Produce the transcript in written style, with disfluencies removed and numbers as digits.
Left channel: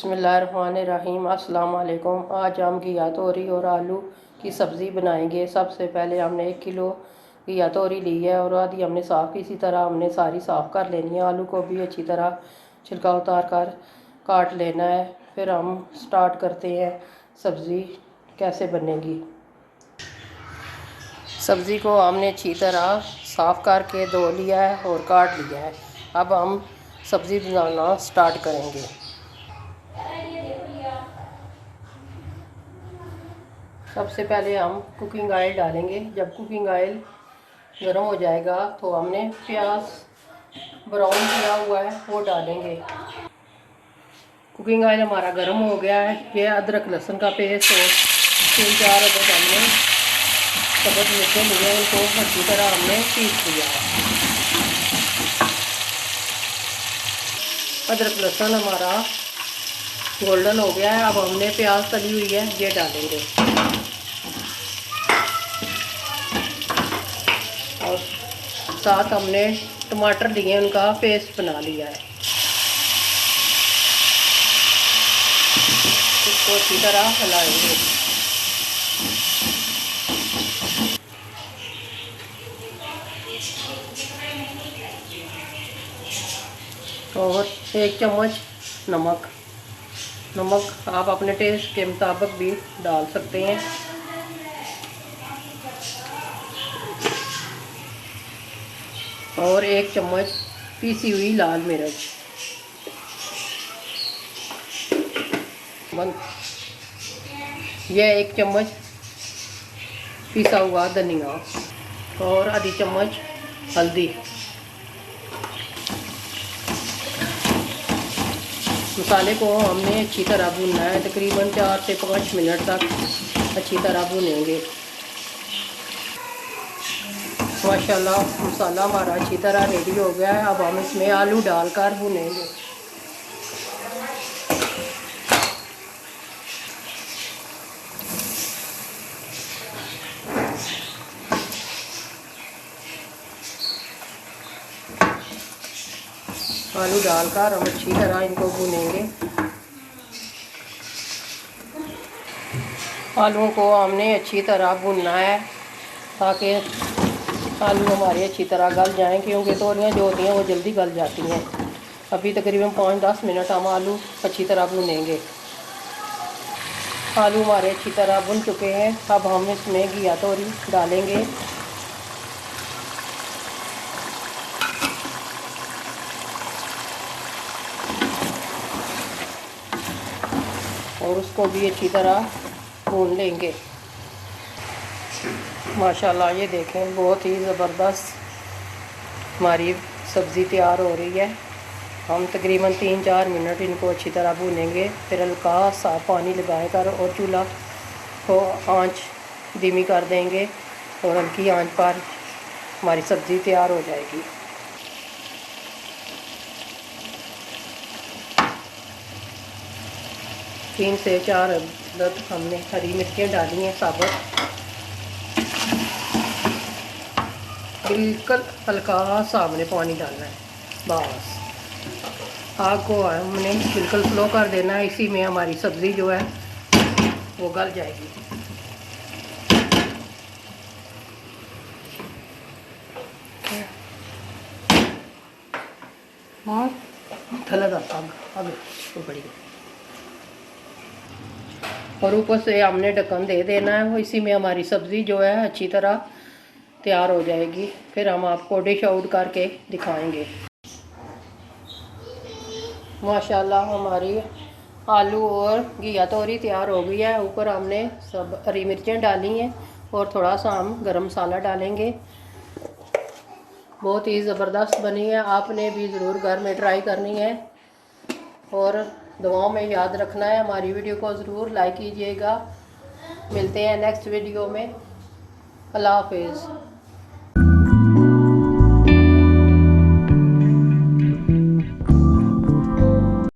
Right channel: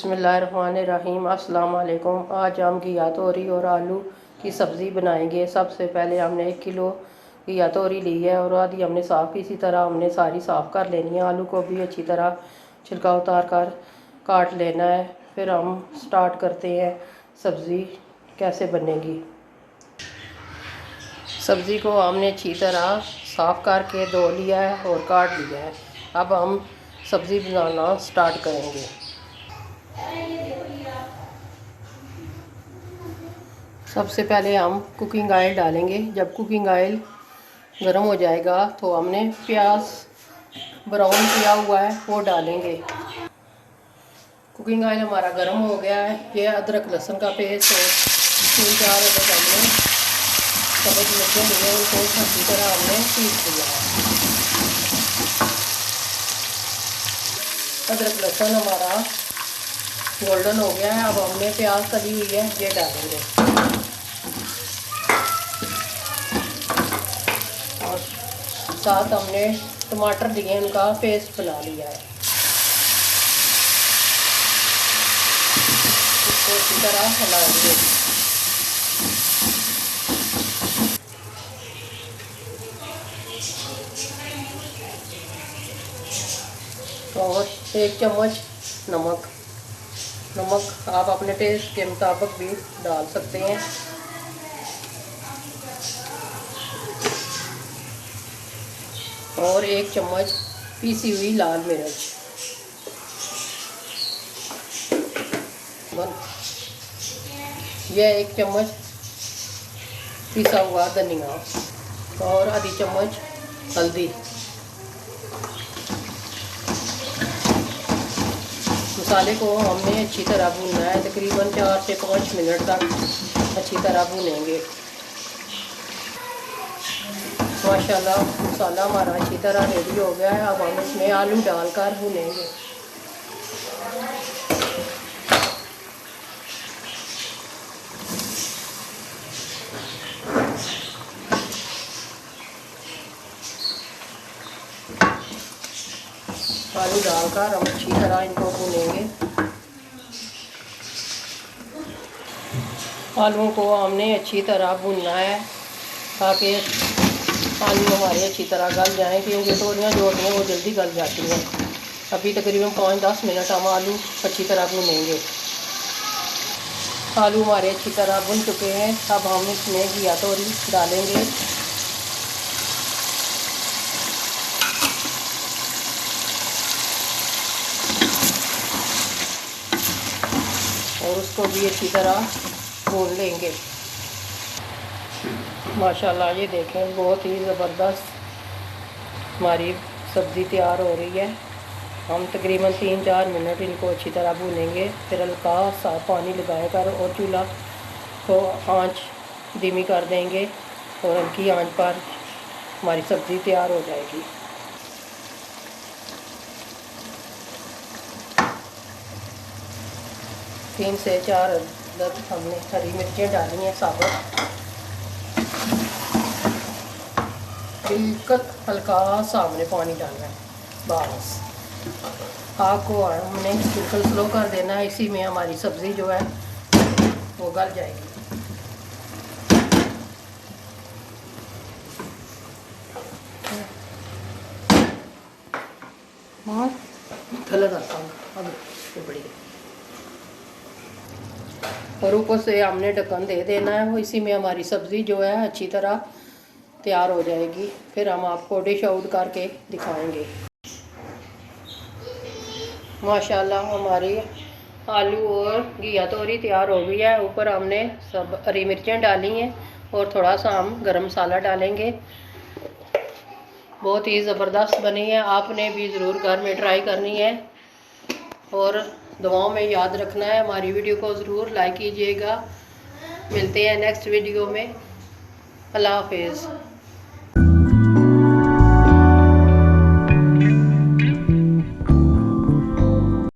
बिस्मिल्लाहिर्रहमानिर्रहीम। अस्सलाम वालेकुम। आज हम घिया तोरी और आलू की सब्ज़ी बनाएंगे। सबसे पहले हमने 1 किलो घिया तोरी ली है और आधी हमने साफ़ इसी तरह हमने सारी साफ़ कर लेनी है। आलू को भी अच्छी तरह छिलका उतार कर काट लेना है। फिर हम स्टार्ट करते हैं सब्ज़ी कैसे बनेगी। सब्ज़ी को हमने अच्छी तरह साफ़ करके धो लिया है और काट लिया है। अब हम सब्ज़ी बनाना स्टार्ट करेंगे। सबसे पहले हम कुकिंग ऑयल डालेंगे। जब कुकिंग ऑयल गर्म हो जाएगा तो हमने प्याज ब्राउन किया हुआ है वो डालेंगे। कुकिंग ऑयल हमारा गर्म हो गया है। ये अदरक लहसुन का पेस्ट और 3-4 अदरक हमने सबूत मिर्चें लिए उनको अच्छी तरह हमने पीस दिया है। अदरक लहसुन हमारा गोल्डन हो गया है। अब हमने प्याज तली हुई है ये डालेंगे और साथ हमने टमाटर लिए उनका पेस्ट बना लिया है। इसको अच्छी तरह हिलाएंगे। और 1 चम्मच नमक आप अपने टेस्ट के मुताबिक भी डाल सकते हैं। और 1 चम्मच पीसी हुई लाल मिर्च, यह 1 चम्मच पिसा हुआ धनिया और आधी चम्मच हल्दी। मसाले को हमने अच्छी तरह भूनना है। तकरीबन 4 से 5 मिनट तक अच्छी तरह भूनेंगे। माशाल्लाह मसाला हमारा अच्छी तरह रेडी हो गया है। अब हम इसमें आलू डालकर भूनेंगे। आलू डालकर हम अच्छी तरह इनको भूनेंगे। आलूओं को हमने अच्छी तरह भूनना है ताकि आलू हमारे अच्छी तरह गल जाएं, क्योंकि तोरियां जो होती हैं वो जल्दी गल जाती हैं। अभी तकरीबन 5-10 मिनट हम आलू अच्छी तरह भूनेंगे। आलू हमारे अच्छी तरह भुन चुके हैं। अब हम इसमें घिया तोरी डालेंगे और उसको भी अच्छी तरह भून लेंगे। माशाल्लाह ये देखें बहुत ही ज़बरदस्त हमारी सब्ज़ी तैयार हो रही है। हम तकरीबन 3-4 मिनट इनको अच्छी तरह भूनेंगे। फिर हल्का सा पानी लगाकर और चूल्हा को आंच धीमी कर देंगे और हल्की आंच पर हमारी सब्ज़ी तैयार हो जाएगी। तीन से 4 अदद हमने हरी मिर्चें डाली हैं साबुत। बिल्कुल हल्का सा हमने पानी डालना है बस। आग को हमने बिल्कुल स्लो कर देना है। इसी में हमारी सब्ज़ी जो है वो गल जाएगी। और थलग आता हूँ अब बड़ी और ऊपर से हमने ढक्कन दे देना है। वो इसी में हमारी सब्ज़ी जो है अच्छी तरह तैयार हो जाएगी। फिर हम आपको डिश आउट करके दिखाएंगे। माशाल्लाह हमारी आलू और घिया तोरी तैयार हो गई है। ऊपर हमने सब हरी मिर्चें डाली हैं और थोड़ा सा हम गरम मसाला डालेंगे। बहुत ही ज़बरदस्त बनी है। आपने भी ज़रूर घर में ट्राई करनी है और दुआओं में याद रखना है। हमारी वीडियो को ज़रूर लाइक कीजिएगा। मिलते हैं नेक्स्ट वीडियो में। अल्लाह हाफिज़।